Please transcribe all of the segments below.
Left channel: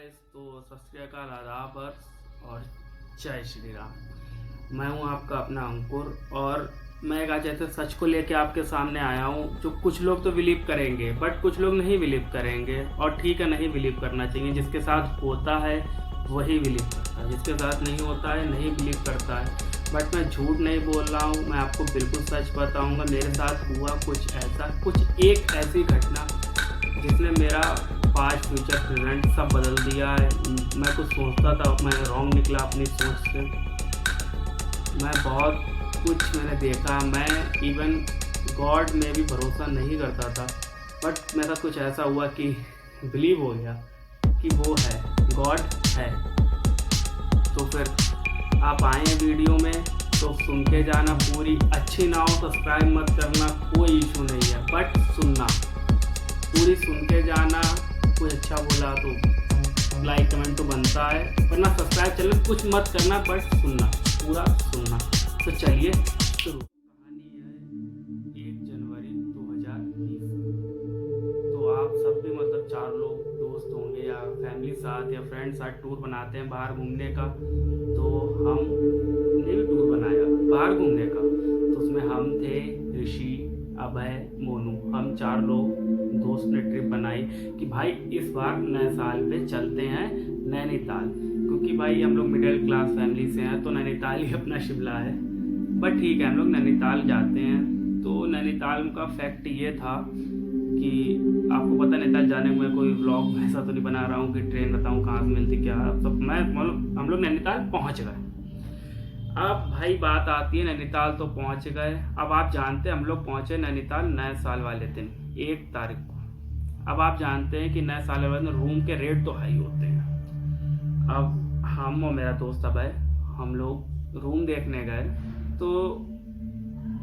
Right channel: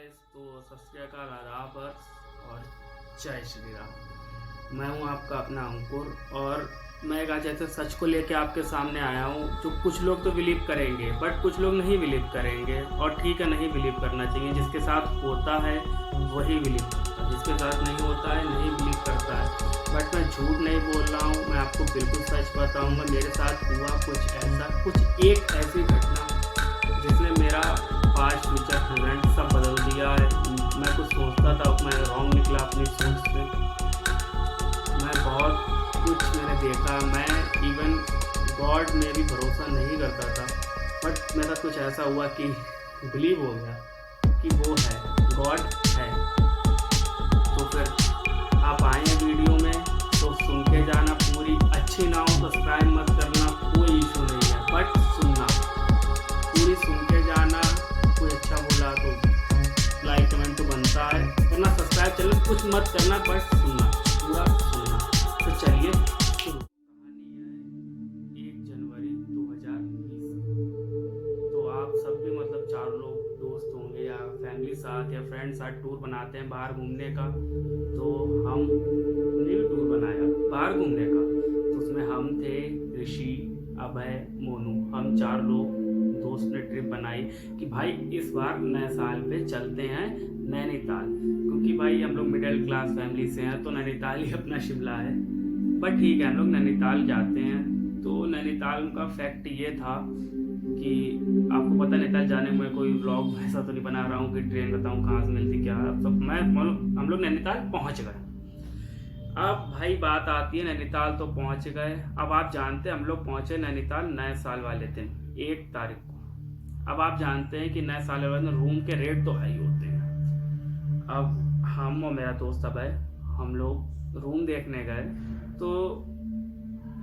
Guys, तो सत श्री अकाल, आदाब और जय श्री राम। मैं हूं आपका अपना अंकुर और मैं एक आज ऐसे सच को लेके आपके सामने आया हूं जो कुछ लोग तो बिलीव करेंगे बट कुछ लोग नहीं बिलीव करेंगे। और ठीक है, नहीं बिलीव करना चाहिए। जिसके साथ होता है वही बिलीव करता है, जिसके साथ नहीं होता है नहीं बिलीव करता है। बट मैं झूठ नहीं बोल रहा हूँ, मैं आपको बिल्कुल सच बताऊँगा। मेरे साथ हुआ कुछ ऐसा, कुछ एक ऐसी घटना जिसने मेरा पास्ट फ्यूचर प्रेजेंट सब बदल दिया है। मैं कुछ सोचता था, मैं रॉन्ग निकला अपनी सोच से। मैं बहुत कुछ मैंने देखा, मैं इवन गॉड में भी भरोसा नहीं करता था। बट मेरे साथ कुछ ऐसा हुआ कि बिलीव हो गया कि वो है, गॉड है। तो फिर आप आए हैं वीडियो में तो सुन के जाना पूरी। अच्छी ना हो सब्सक्राइब मत करना, कोई इशू नहीं है, बट सुनना पूरी, सुन के जाना। कोई अच्छा बोला तो लाइक कमेंट तो बनता है, वरना सब्सक्राइब चैनल कुछ मत करना, बट सुनना, पूरा सुनना। तो चलिए शुरू। कहानी है 1 जनवरी 2020। तो आप सब भी मतलब 4 लोग दोस्त होंगे या फैमिली साथ या फ्रेंड साथ टूर बनाते हैं बाहर घूमने का। तो हमने भी टूर बनाया बाहर घूमने का। तो उसमें हम थे, ऋषि, अभय, मोनू, हम 4 लोग दोस्त ने ट्रिप बनाई कि भाई इस बार नए साल पे चलते हैं नैनीताल। क्योंकि भाई हम लोग मिडिल क्लास फैमिली से हैं तो नैनीताल ही अपना शिमला है। बट ठीक है, हम लोग नैनीताल जाते हैं। तो नैनीताल का फैक्ट ये था कि आपको पता नैनीताल जाने में कोई व्लॉग ऐसा तो नहीं बना रहा हूँ कि ट्रेन बताऊँ कहाँ से मिलती क्या सब। हम लोग नैनीताल पहुँच गए। अब भाई बात आती है, नैनीताल तो पहुंच गए। अब आप जानते हैं हम लोग पहुंचे नैनीताल नए साल वाले दिन 1 तारीख को। अब आप जानते हैं कि नए साल वाले दिन रूम के रेट तो हाई होते हैं। अब हम और मेरा दोस्त अभय हम लोग रूम देखने गए। तो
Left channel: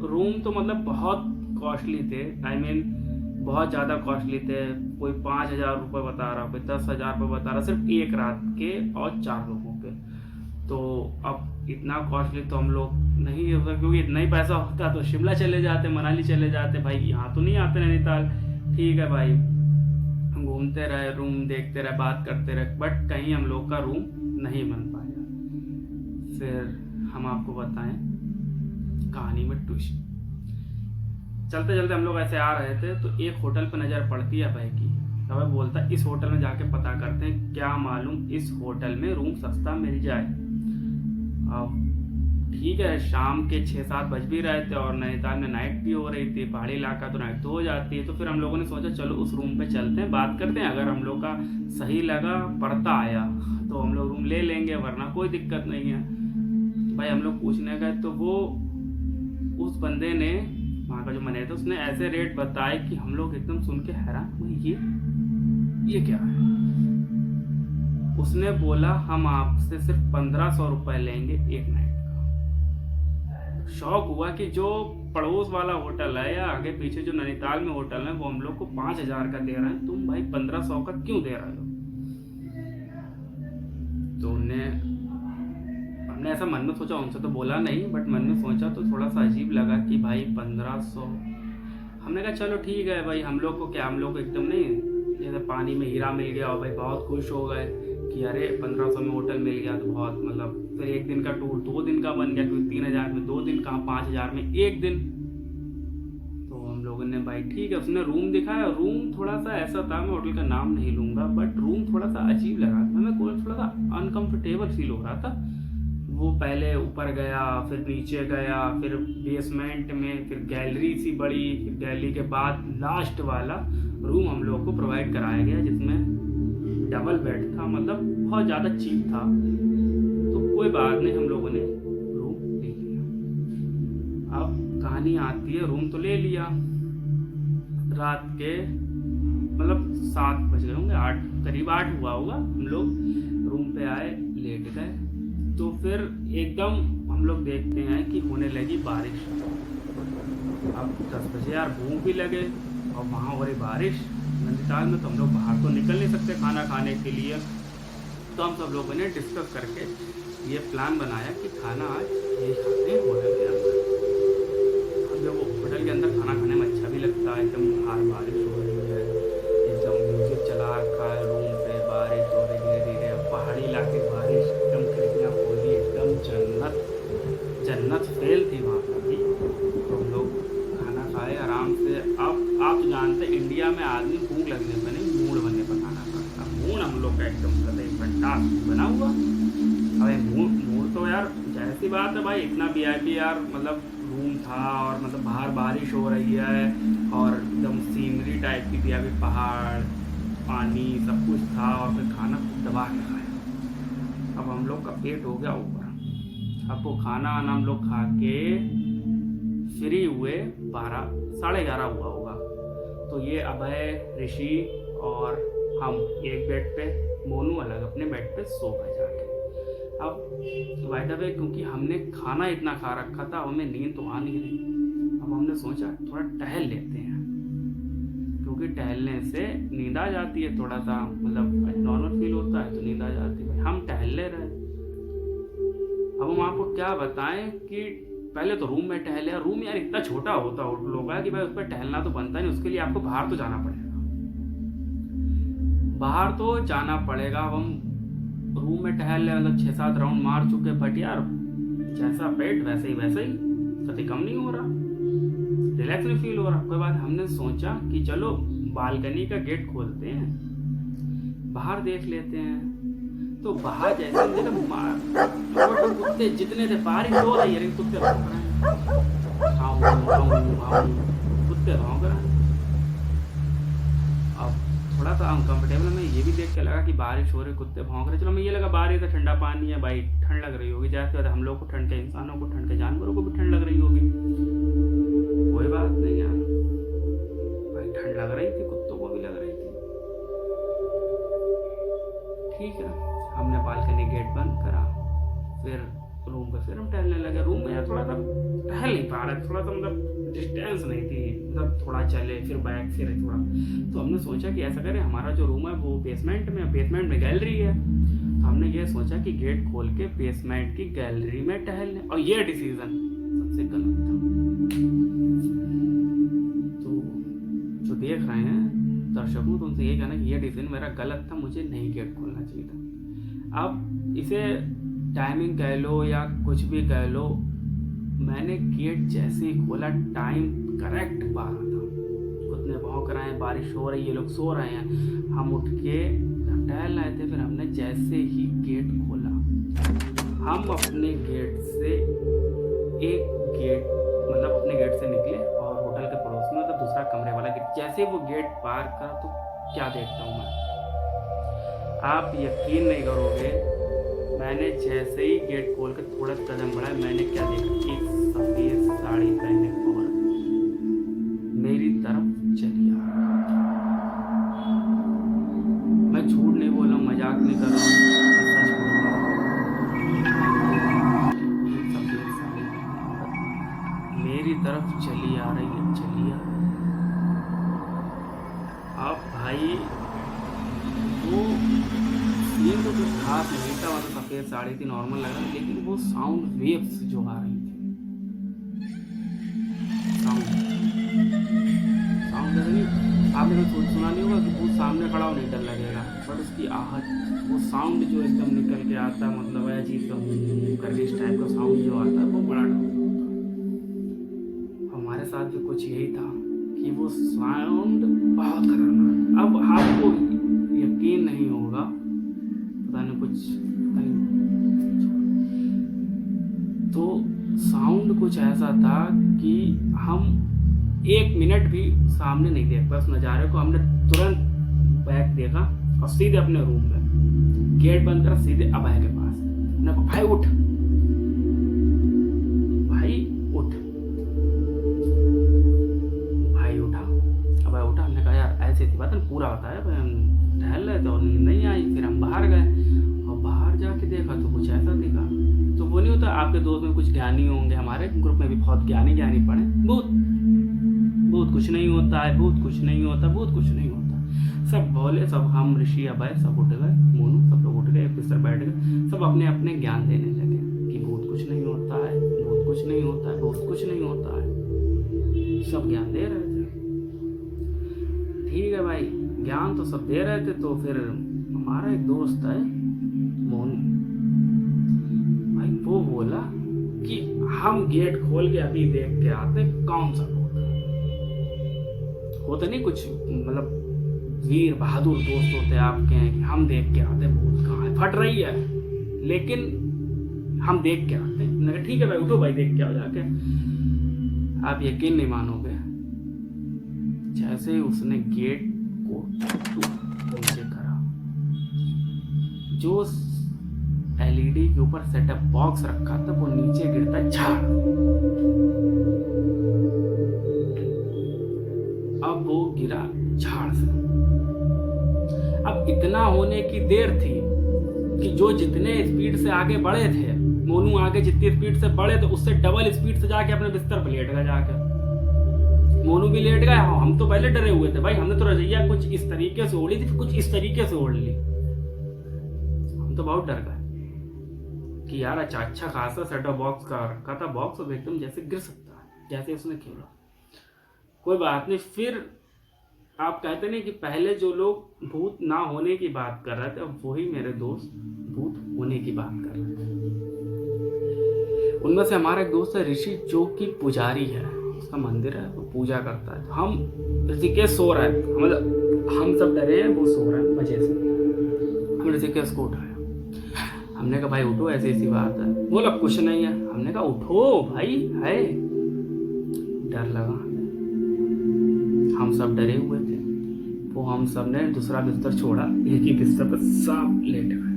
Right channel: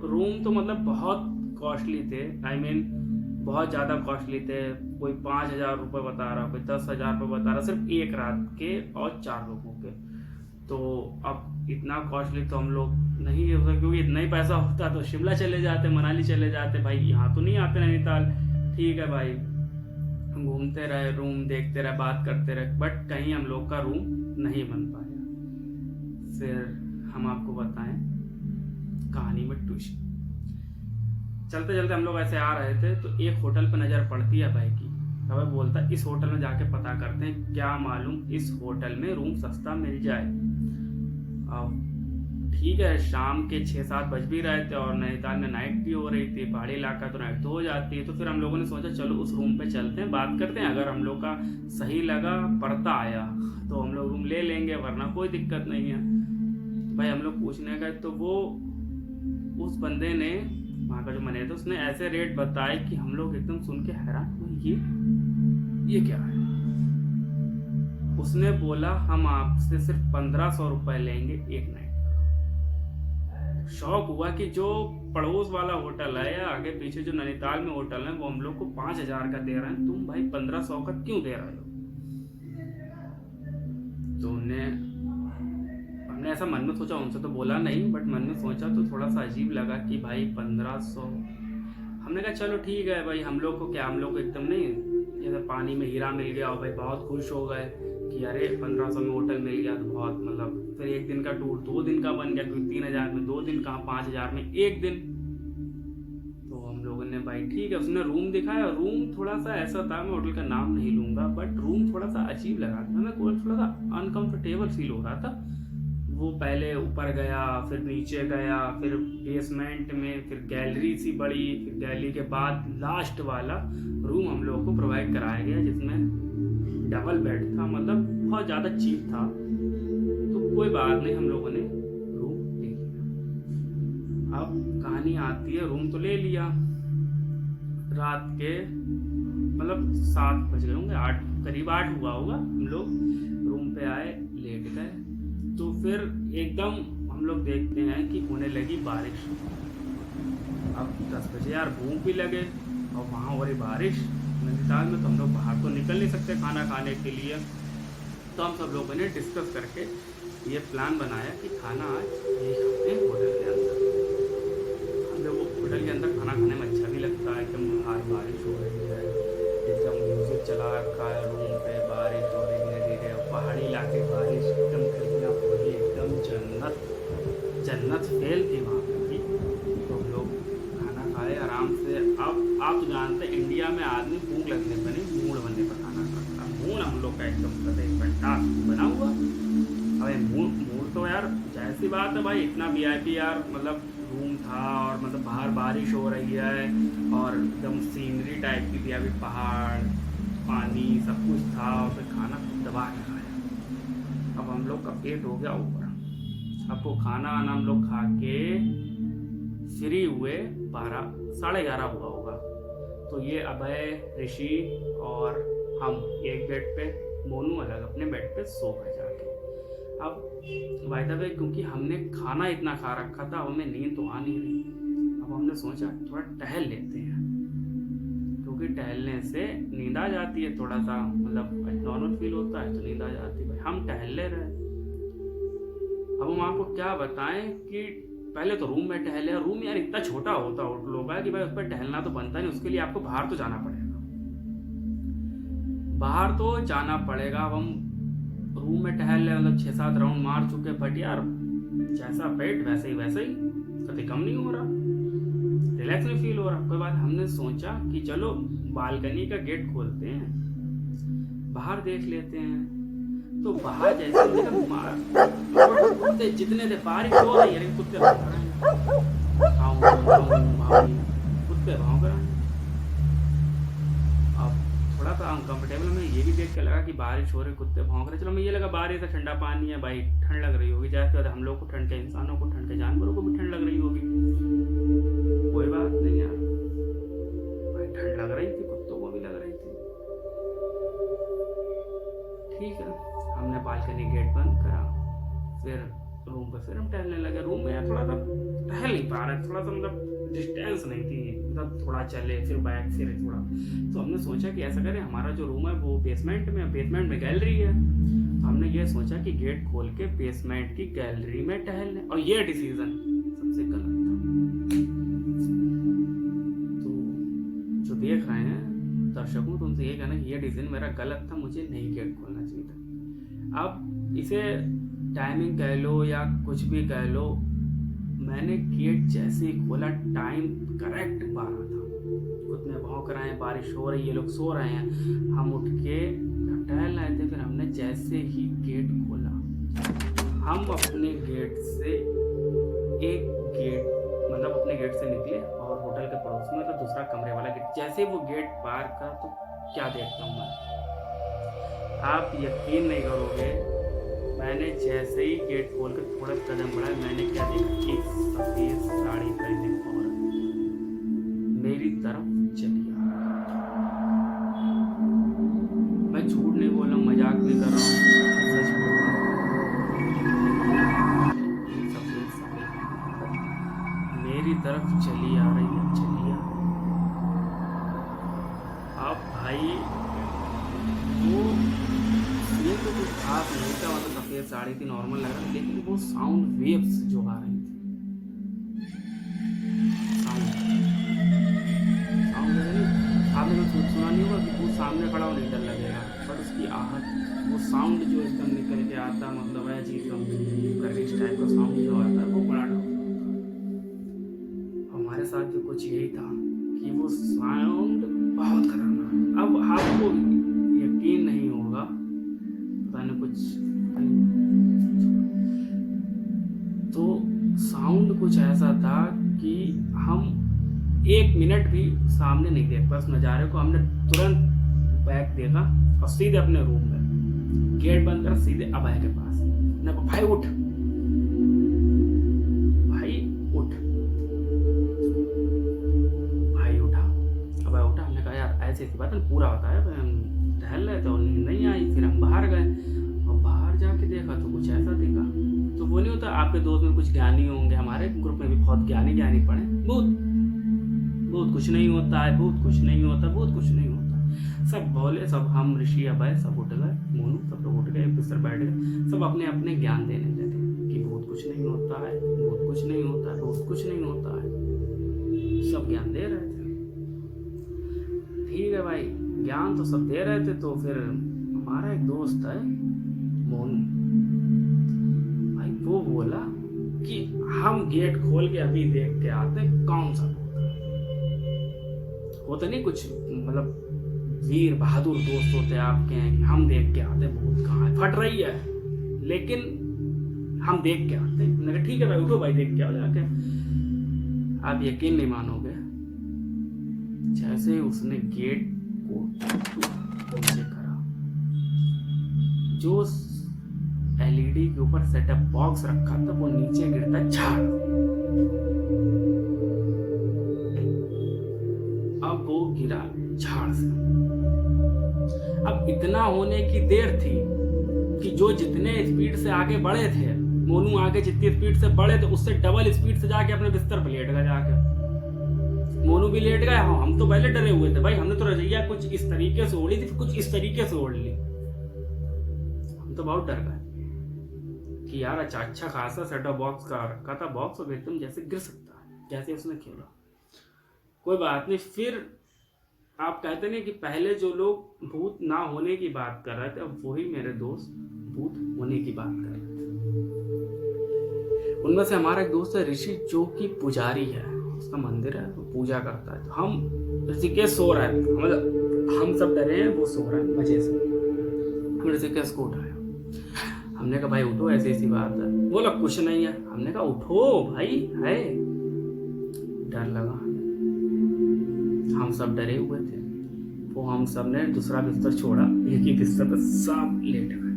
रूम तो मतलब बहुत कॉस्टली थे, बहुत ज़्यादा कॉस्टली थे। कोई 5,000 रुपये बता रहा, कोई 10,000 रुपये बता रहा, सिर्फ एक रात के और 4 लोगों के। तो अब इतना कॉस्टली तो हम लोग नहीं होता, क्योंकि इतना ही पैसा होता तो शिमला चले जाते, मनाली चले जाते। भाई यहाँ तो नहीं आते नैनीताल। ठीक है भाई, घूमते रहे, रूम देखते रहे, बात करते रहे, बट कहीं हम लोग का रूम नहीं बन पाया। फिर हम आपको बताएं कहानी में ट्विस्ट। चलते चलते हम लोग ऐसे आ रहे थे तो एक होटल पर नज़र पड़ती है भाई की। तब बोलता इस होटल में जाके पता करते हैं, क्या मालूम इस होटल में रूम सस्ता मिल जाए। अब ठीक है, शाम के 6-7 बज भी रहे थे और नैनीताल में नाइट भी हो रही थी। पहाड़ी इलाका तो नाइट तो हो जाती है। तो फिर हम लोगों ने सोचा चलो उस रूम पे चलते हैं, बात करते हैं। अगर हम लोग का सही लगा, पड़ता आया तो हम लोग रूम ले लेंगे, वरना कोई दिक्कत नहीं है। तो भाई हम लोग पूछने गए तो वो उस बंदे ने, वहाँ का जो मैनेजर था, उसने ऐसे रेट बताए कि हम लोग एकदम सुन के हैरान हुए, ये क्या है। उसने बोला हम आपसे सिर्फ 1,500 रुपये लेंगे एक नाइट का। शौक हुआ कि जो पड़ोस वाला होटल है या आगे पीछे जो नैनीताल में होटल है वो हम लोग को 5,000 का दे रहे हैं, तुम भाई 1,500 का क्यों दे रहे हो। तो हमने ऐसा मन में सोचा, उनसे तो बोला नहीं, बट मन में सोचा तो थोड़ा सा अजीब लगा कि भाई 1,500। हमने कहा चलो ठीक है भाई, हम लोग को क्या, हम लोग को एकदम नहीं जैसे पानी में हीरा मिल गया और भाई बहुत खुश हो गए कि अरे 1,500 में होटल मिल गया तो बहुत मतलब। फिर 1 दिन का टूर 2 दिन का बन गया, क्योंकि 3,000 में 2 दिन, कहाँ 5,000 में 1 दिन। तो हम लोगों ने भाई ठीक है, उसने रूम दिखाया। रूम थोड़ा सा ऐसा था, मैं होटल का नाम नहीं लूँगा, बट रूम थोड़ा सा अजीब लगा था। हमें थोड़ा सा अनकम्फर्टेबल फील हो रहा था। वो पहले ऊपर गया, फिर नीचे गया, फिर बेसमेंट में, फिर गैलरी सी बड़ी, फिर गैलरी के बाद लास्ट वाला रूम हम लोगों को प्रोवाइड कराया गया, जिसमें डबल बेड था, मतलब बहुत ज़्यादा चीप था। तो कोई बात नहीं, हम लोगों ने रूम ले लिया। अब कहानी आती है, रूम तो ले लिया। रात के मतलब 7 बज गए होंगे, 8 करीब 8 हुआ होगा। हम लोग रूम पे आए, लेट गए। तो फिर एकदम हम लोग देखते हैं कि होने लगी बारिश। अब 10 बजे यार, भूख भी लगे और वहाँ हो रही बारिश नैनीताल में, तो हम लोग बाहर तो निकल नहीं सकते खाना खाने के लिए। तो हम सब लोगों ने डिस्कस करके ये प्लान बनाया कि खाना आज यही खाते हैं होटल के अंदर। अब जब वो होटल के अंदर खाना खाने में अच्छा भी लगता है, एकदम बाहर बारिश हो रही है, एकदम म्यूज़िक चला रखा है रूम पे, बारिश हो रही है, एकदम खिड़कियाँ खोली, एकदम जन्नत जन्नत फेल थी वहाँ पर भी। तो हम लोग खाना खाए आराम से। अब आप तो जानते हैं इंडिया में आदमी भूख लगने पर नहीं, मूड बनने पर खाना खाता। मूड हम लोग का एकदम फंटास्टिक बना हुआ। अबे मूड तो यार जैसी बात है भाई, इतना वीआईपी यार, मतलब रूम था और मतलब बाहर बारिश हो रही है और एकदम सीनरी टाइप की थी, अभी पहाड़ पानी सब कुछ था और फिर खाना दबा के खाया। अब हम लोग का पेट हो गया ऊपर। अब वो खाना वाना हम लोग खा के फ्री हुए 11:30 हुआ होगा। तो ये अभय, ऋषि और हम एक बेड पे, मोनू अलग अपने बेड पे सो गए जाके। अब बाय द वे क्योंकि हमने खाना इतना खा रखा था, हमें नींद तो आ नहीं रही। अब हमने सोचा थोड़ा टहल लेते हैं, क्योंकि टहलने से नींद आ जाती है, थोड़ा सा मतलब नॉर्मल फील होता है तो नींद आ जाती है भाई। हम टहल ले रहे। अब हम आपको क्या बताएं कि पहले तो रूम में टहले। रूम यार इतना छोटा होता है होटलों का कि भाई उस पर टहलना तो बनता नहीं, उसके लिए आपको बाहर तो जाना पड़ेगा। बाहर तो जाना पड़ेगा। अब हम रूम में टहल ले, मतलब 6-7 राउंड मार चुके, बट यार जैसा पेट वैसे ही कभी कम नहीं हो रहा, रिलैक्स नहीं फील हो रहा। कोई बात, हमने सोचा कि चलो बालकनी का गेट खोलते हैं, बाहर देख लेते हैं। तो बाहर जैसे कुत्ते जितने थे, बारिश हो रही है लेकिन कुत्ते भौंक रहे हैं, कुत्ते भौंक रहे हैं। अब थोड़ा सा अनकंफर्टेबल में ये भी देख के लगा कि बारिश हो रही, कुत्ते भौंक रहे। चलो मैं ये लगा बारिश है, ठंडा पानी है भाई, ठंड लग रही होगी। जैसे हम लोग को ठंड के, इंसानों को ठंड के, जानवरों को भी ठंड लग रही होगी। कोई बात नहीं यार भाई, ठंड लग रही थी, कुत्तों को भी लग रही थी। ठीक है, हमने बालकनी गेट बंद करा, फिर रूम पे फिर हम टहलने लगे। रूम में यार थोड़ा सा टहल नहीं पा रहे, थोड़ा सा मतलब डिस्टेंस नहीं थी, मतलब थोड़ा चले फिर बैक फिर थोड़ा। तो हमने सोचा कि ऐसा करें, हमारा जो रूम है वो बेसमेंट में गैलरी है। तो हमने ये सोचा कि गेट खोल के बेसमेंट की गैलरी में टहल लें, और ये डिसीजन सबसे गलत था। तो जो देख रहे हैं दर्शकों, तो उनसे ये कहना कि ये डिसीजन मेरा गलत था, मुझे नहीं गेट खोलना चाहिए था। अब इसे टाइमिंग कह लो या कुछ भी कह लो, मैंने गेट जैसे ही खोला, टाइम करेक्ट 12 था। कुत्ते भौंक रहे हैं, बारिश हो रही है, लोग सो रहे हैं, हम उठ के टहल रहे थे। फिर हमने जैसे ही गेट खोला, हम अपने गेट से मतलब अपने गेट से निकले और होटल के पड़ोस में, मतलब दूसरा कमरे वाला गेट, जैसे वो गेट पार करा तो क्या देखता हूँ मैं, आप यकीन नहीं करोगे। मैंने जैसे ही गेट खोल के थोड़ा कदम बढ़ाया, मैंने क्या देखा, एक सफेद साड़ी पहने औरत मेरी तरफ चली आ रही। मैं झूठ नहीं बोल रहा हूँ, मजाक नहीं कर रहा हूँ, सच बोल रहा हूँ। एक सफेद साड़ी पहने औरत मेरी तरफ चली आ रही है, चली आ रही है। अब भाई वो सीन तो कुछ खास नहीं था, मतलब सफ़ेद साड़ी थी, नॉर्मल लग रहा था, लेकिन वो साउंड वेव्स जो आ रही थी, साउंड जैसे नहीं, आपने कभी सुना नहीं होगा कि वो सामने खड़ा हो नहीं डर लगेगा, बट उसकी आहट, वो साउंड जो एकदम निकल के आता, मतलब है चीज़ करके इस टाइप का साउंड जो आता है, वो बड़ा डर होता है। हमारे साथ भी कुछ यही था कि वो साउंड बहुत खतरनाक। अब आपको यकीन नहीं होगा, पता नहीं कुछ, पता नहीं, तो साउंड कुछ ऐसा था कि हम 1 मिनट भी सामने नहीं देख पाए उस नज़ारे को। हमने तुरंत बैक देखा और सीधे अपने रूम में गेट बंद करा, सीधे अभय के पास। मैंने कहा भाई उठ, भाई उठ। भाई उठा, अभय उठा। हमने कहा यार ऐसी थी बात, पूरा बताया, हम टहल रहे थे और नींद नहीं आई। फिर हम बाहर गए और बाहर जाके देखा तो कुछ ऐसा दिखा। तो वो नहीं होता, आपके दोस्त में कुछ ज्ञानी होंगे, हमारे ग्रुप में भी बहुत ज्ञानी पड़े, बहुत कुछ नहीं होता है, बहुत कुछ नहीं होता, बहुत कुछ नहीं होता। सब बोले, सब हम ऋषि अभय सब उठ गए, मोनू सब लोग उठ गए, बिस्तर बैठ गए, सब अपने अपने ज्ञान देने लगे कि बहुत कुछ नहीं होता है, बहुत कुछ नहीं होता है, बहुत कुछ नहीं होता है। सब ज्ञान दे रहे थे। ठीक है भाई, ज्ञान तो सब दे रहे थे। तो फिर हमारा एक दोस्त है मोनू, भाई वो बोला कि हम गेट खोल के अभी देख के आते हैं कौन सा होता नहीं कुछ, मतलब वीर बहादुर दोस्त होते हैं आपके हैं कि हम देख के आते हैं भूत कहाँ है, फट रही है लेकिन हम देख के आते हैं। मैंने कहा ठीक है भाई उठो भाई देख के आओ जाके। आप यकीन नहीं मानोगे, जैसे ही उसने गेट को नीचे करा, जो एलईडी के ऊपर सेटअप बॉक्स रखा था वो नीचे गिरता झाड़। अब वो गिरा झाड़ से। अब इतना होने की देर थी कि जो जितने स्पीड से आगे बढ़े थे, मोनू आगे जितनी स्पीड से बढ़े थे उससे डबल स्पीड से जाके अपने बिस्तर पर लेट गया जाके। मोनू भी लेट गया। हम तो पहले डरे हुए थे भाई, हमने तो रजैया कुछ इस तरीके से ओढ़ी थी, कुछ इस तरीके से ओढ़ ली। हम तो बहुत डर गए कि यार अच्छा खासा सेटअप बॉक्स का रखा था बॉक्स, और एकदम जैसे गिर सकता है जैसे उसने खेला। कोई बात नहीं। फिर आप कहते नहीं कि पहले जो लोग भूत ना होने की बात कर रहे थे, अब वही मेरे दोस्त भूत होने की बात कर रहे थे। उनमें से हमारा एक दोस्त है ऋषि, जो कि पुजारी है, उसका मंदिर है, वो पूजा करता है। तो हम ऋषिकेश सो रहा है, मतलब हम सब डरे हैं, वो सो रहा है मजे से। हम ऋषिकेश को उठाया, हमने कहा भाई उठो ऐसी ऐसी बात है। बोला कुछ नहीं है। हमने कहा उठो भाई है। डर लगा हमें, हम सब डरे हुए थे। वो हम सब ने दूसरा बिस्तर छोड़ा, एक ही बिस्तर पर सब लेट गए।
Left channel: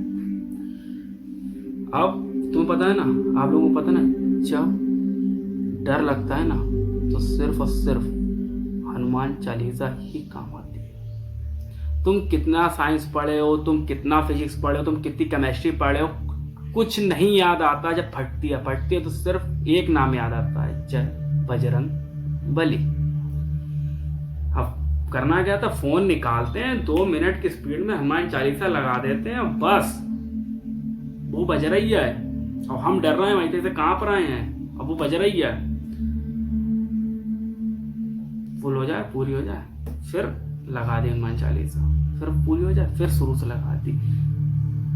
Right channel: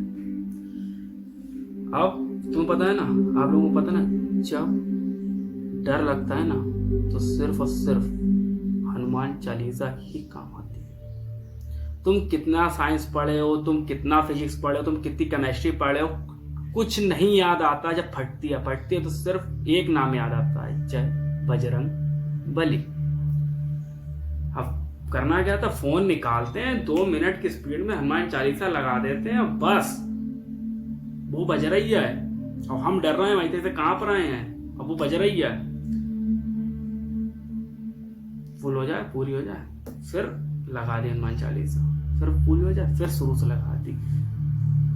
अब तुम्हें पता है ना, आप लोगों को पता ना, जब डर लगता है ना तो सिर्फ और सिर्फ हनुमान चालीसा ही काम आती है। तुम कितना साइंस पढ़े हो, तुम कितना फिजिक्स पढ़े हो, तुम कितनी केमिस्ट्री पढ़े हो, कुछ नहीं याद आता। जब फटती है तो सिर्फ एक नाम याद आता है, जय बजरंग बली। अब करना क्या था, फोन निकालते हैं, 2 मिनट की स्पीड में हनुमान चालीसा लगा देते हैं, बस वो बज रही है और हम डर रहे हैं, वहीं से कांप रहे हैं, अब वो बज रही है, फुल हो जाए, पूरी हो जाए, फिर लगा दी हनुमान चालीसा, फिर पूरी हो जाए, फिर शुरू से लगा दी।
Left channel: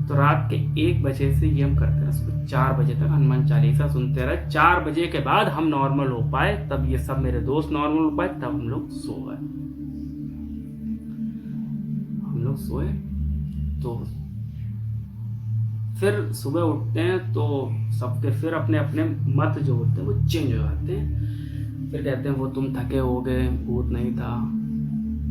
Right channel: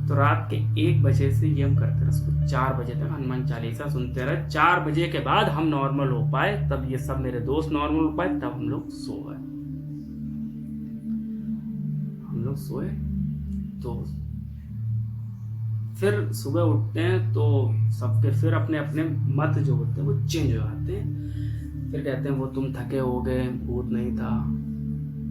तो रात के 1 बजे से ये हम करते रहे, सुबह 4 बजे तक हनुमान चालीसा सुनते रहे। 4 बजे के बाद हम नॉर्मल हो पाए, तब ये सब मेरे दोस्त नॉर्मल हो पाए, तब हम लोग सो गए। हम लोग सोए तो फिर सुबह उठते हैं तो सबके फिर अपने अपने मत जो होते हैं वो चेंज हो जाते हैं। फिर कहते हैं वो तुम थके हो गए, भूत नहीं था,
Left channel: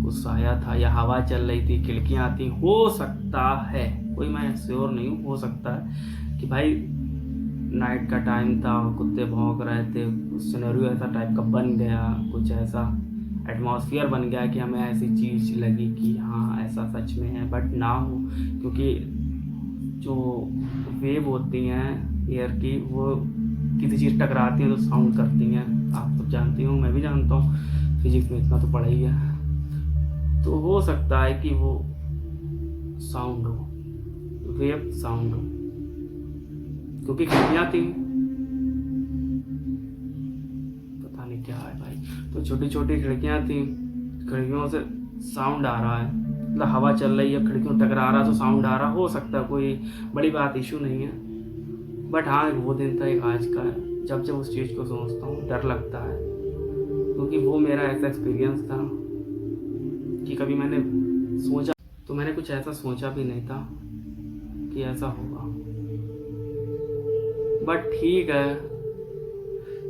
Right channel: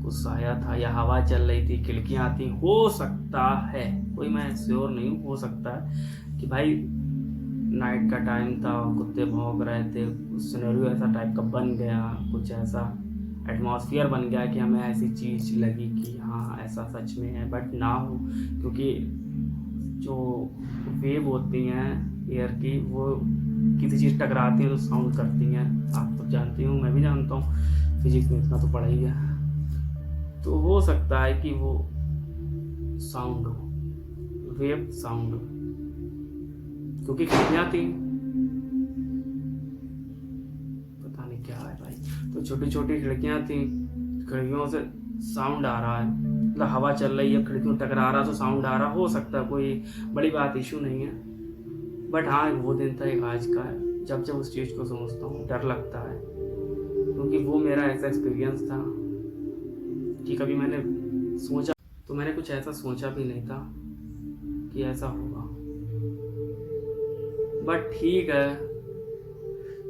कुछ साया था, या हवा चल रही थी, खिड़कियाँ थी, हो सकता है, कोई मैं श्योर नहीं हूँ, हो सकता है कि भाई नाइट का टाइम था, कुत्ते भौंक रहे थे, सिनेरियो ऐसा टाइप का बन गया, कुछ ऐसा एटमॉस्फेयर बन गया कि हमें ऐसी चीज़ लगी कि हाँ ऐसा सच में है, बट ना हो, क्योंकि जो वेव होती हैं एयर की, वो किसी चीज़ टकराती हैं तो साउंड करती हैं। आप तो जानती हो, मैं भी जानता हूँ, फिजिक्स में इतना तो पढ़ा ही है। तो हो सकता है कि वो साउंड हो, वेव साउंड हो, क्योंकि खिड़कियाँ थी, पता नहीं क्या है भाई। तो छोटी छोटी खिड़कियाँ थी, खिड़कियों से साउंड आ रहा है, मतलब हवा चल रही है, खिड़कियों टकरा रहा तो साउंड आ रहा, हो सकता है, कोई बड़ी बात इशू नहीं है। बट हाँ वो दिन था, एक आज का है, जब जब उस चीज़ को सोचता हूँ डर लगता है, क्योंकि वो मेरा ऐसा एक्सपीरियंस था कि कभी मैंने सोचा तो मैंने कुछ ऐसा सोचा भी नहीं था कि ऐसा होगा। बट ठीक है,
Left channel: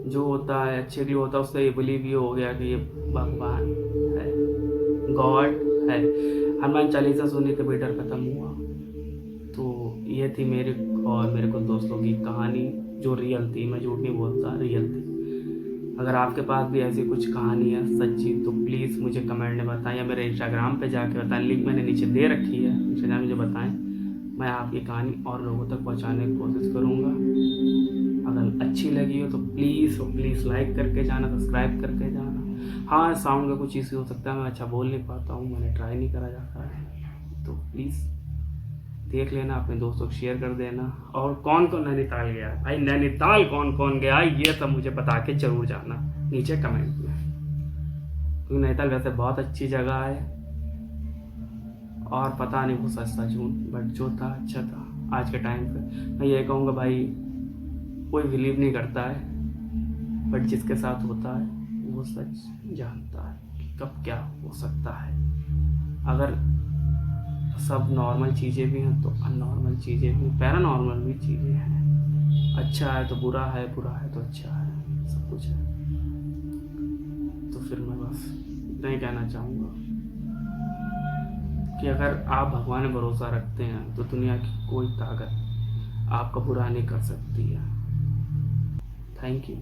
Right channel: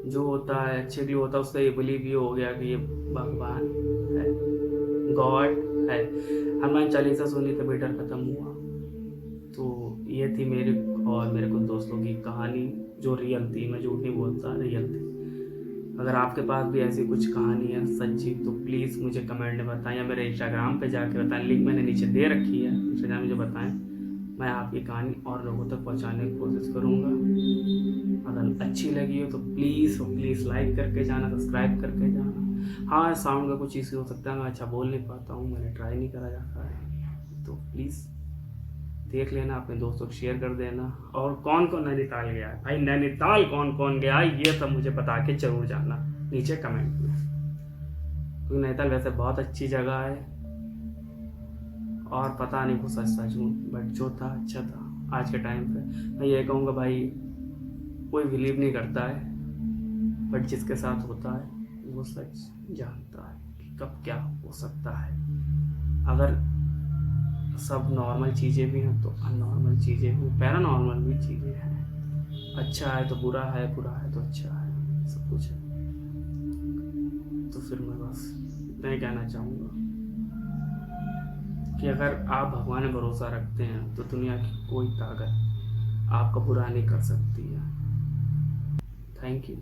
जो होता है अच्छे लिए होता है, उससे ये बिलीव ये हो गया कि ये भगवान है, गॉड है। हनुमान चालीसा सुनी तभी डर खत्म हुआ। तो ये थी मेरी और मेरे कुछ दोस्तों की कहानी, जो रियल थी, मैं झूठ नहीं बोलता, रियल थी। अगर आपके पास भी ऐसी कुछ कहानी है सच्ची, तो प्लीज़ मुझे कमेंट में बताएं, या मेरे इंस्टाग्राम पे जाके बताएं, लिंक मैंने नीचे दे रखी है, इंस्टाग्राम में मुझे बताएं, मैं आपकी कहानी और लोगों तक पहुंचाने की कोशिश करूंगा। अगर अच्छी लगी हो तो प्लीज़ लाइक करके जाना, सब्सक्राइब करके जाना। हाँ साउंड का कुछ इश्यू हो सकता है, मैं अच्छा बोल नहीं पाता हूँ, मैंने ट्राई नहीं करा जाता है, तो प्लीज़ देख लेना, अपने दोस्तों को शेयर कर देना। और कौन कौन नैनीताल गया है भाई, नैनीताल कौन कौन गया है ये सब मुझे बता के ज़रूर जाना नीचे कमेंट में, क्योंकि नैनीताल वैसे बहुत अच्छी जगह है, और पता नहीं वो सच था झूठ, बट जो था अच्छा था। आज के टाइम पे मैं ये कहूँगा भाई, कोई बिलीव नहीं करता है, बट जिसके साथ होता है वो सच जानता है कि कब क्या हो सकता है। अगर सब नॉर्मल चीज़ें भी हैं तो अननॉर्मल चीज़ें भी, पैरानॉर्मल भी चीज़ें हैं। अच्छा है तो बुरा है, बुरा है तो अच्छा है, सब कुछ है। तो फिर मैं बस इतना ही कहना चाहूँगा कि अगर आप भगवान में भरोसा रखते हैं तो दुनिया की कोई ताकत आपका बुरा नहीं कर सकती है। Thank you.